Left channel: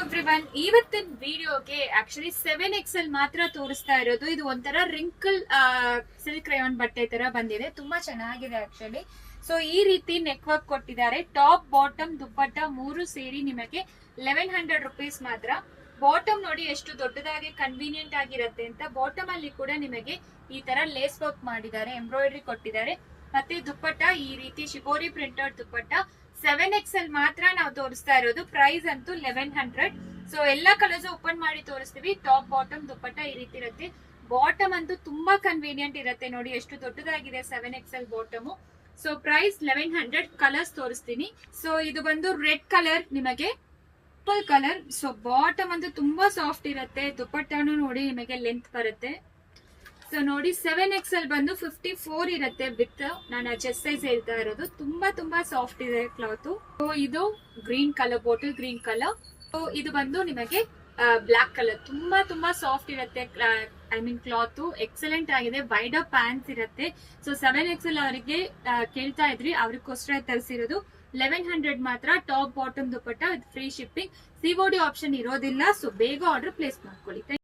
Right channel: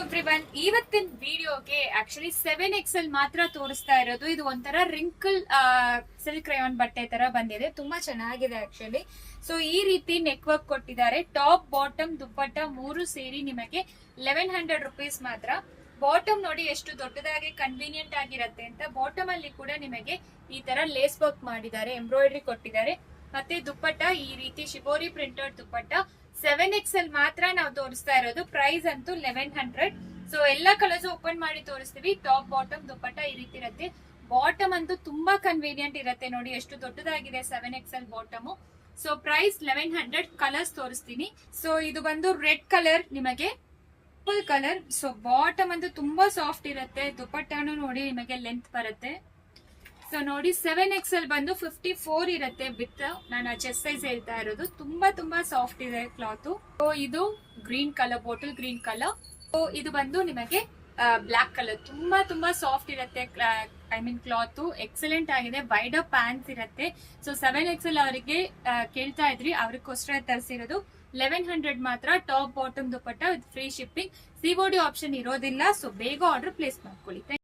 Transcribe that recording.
Everyone, ಇವತ್ತಿನ ವಿಡಿಯೋಗೆ actually 7XL ಮಾತ್ರ ತೋರಿಸ್ತಾ ಇರೋದು. ಇದು ಒಂಥರ ರಿಂಕಲ್ ಸಿಲ್ಕ್ ರಯಾನ್ ಬಟ್ಟೆ ತರ ಬಂದಿದೆ, ತುಂಬಾ ಚೆನ್ನಾಗಿದೆ ಆಕ್ಚುಲಿ. ಸೊ ಈ ರೀತಿ ನೆಕ್ ವರ್ಕ್ ಕೊಟ್ಟಿದ್ದಾರೆ. ಟಾಪ್ ಬಾಟಮ್ ದುಪ್ಪಟ್ಟ ಮೂರು ಸೇರಿ ನಿಮಗೆ 1100 ರುಪೀಸ್ ಮಾತ್ರ. ಬಾಟಮ್ ನೋಡಿ ಎಷ್ಟು ದೊಡ್ಡದಾಗಿ ಕನ್ವೀನಿಯಂಟ್ ಆಗಿರುತ್ತೆ ಅಂತ. ಬಾಟಮ್ ಅಲ್ಲಿ ಕೂಡ ನಿಮಗೆ ಈ ತರ ಲೇಸ್ ವರ್ಕ್ ಮಾಡಿದ್ದಾರೆ, ಎಂಬ್ರಾಯ್ಡ್ರಿ ಕೊಟ್ಟಿದ್ದಾರೆ. ಮತ್ತೆ ದುಪ್ಪಟ್ಟ ಈ ರೀತಿ ಶಿಬೋರಿ ಪ್ರಿಂಟೆಡ್ ದುಪ್ಪಟ್ಟ 7XL ಮಾತ್ರ ನಾವು ತೋರಿಸ್ತಾ ಇರೋದು. ಪ್ರೈಸ್ ಅಂತೂ 1100. ಸೊ ಎಲ್ಲಾ ಕಲರ್ಸ್ ಓಪನ್ ಮಾಡಿ ತೋರಿಸ್ತೀವಿ. ಟಾಪ್ ಬಾಟಮ್ ದುಪ್ಪಟ್ಟ ಈ ರೀತಿ ಇರುತ್ತೆ. ಬಾಟಮ್ ಅಂತೂ ತುಂಬಾ ಕನ್ವೀನಿಯಂಟ್ ಇರುತ್ತೆ, ನೋಡಿ ಎಷ್ಟು ದೊಡ್ಡದಾಗಿದೆ 7XL bottom. So price 1100. Colours ತೋರಿಸ್ತೀನಿ. ಸೊ ಇದು ಬಂದು ರೆಡ್ ಕಲರ್, ನಿಮಗೆ ಪರ್ಪಲ್ ಕಲರ್. ಸೊ ಬಾಟಮ್ ಅಂತೂ ತುಂಬಾ ಸಾಫ್ಟ್ ಇರುತ್ತೆ. ದುಪ್ಪಟ್ಟನು ನೋಡಿ ನಿಮಗೆ ಲೆಂತ್ ಬರುತ್ತೆ. ಸೊ ನೋಡಿ 7XL ಬಂದು 54 ಇರುತ್ತೆ ವಿತ್. ನಾನು ಚೆಸ್ಟ್ ಸೈಜ್ ಹೇಳ್ತಾ ಇರೋದು. ತುಂಬಾ ಸಾಫ್ಟ್ ಇದೆ ಕ್ಲಾತ್. ಸೊ ಇದು green colour, bottle green colour. So ಇದು ಬಂದು ನಿಮಗೆ ಬ್ಲಾಕ್ ಕಲರ್. ತುಂಬಾ ಸಾಫ್ಟ್ ಇರುತ್ತೆ. ಐ ಮೀನ್ ಕ್ಲಾತ್ ಎಕ್ಸಲೆಂಟ್ ಆಗಿದೆ. ವೈಡ್ ಅಪ್ ಪ್ಯಾಂಟ್ಸ್ ಇರುತ್ತೆ. ಸೊ 7XL ಅವರಿಗೆ ಕೇಳ್ತಾ ಇದ್ರಿ, ಅವ್ರಿಗೋಸ್ಕರ ತರಿಸಿರೋದು. 1100 ಮಾತ್ರ. Top bottom dupatta with free shipping. COD option ಇರೋದಿಲ್ಲ. ಸೊ ಬೇಗ ಆರ್ಡರ್ ಪ್ಲೇಸ್ ಮಾಡ್ಕೊಳ್ಳಿ.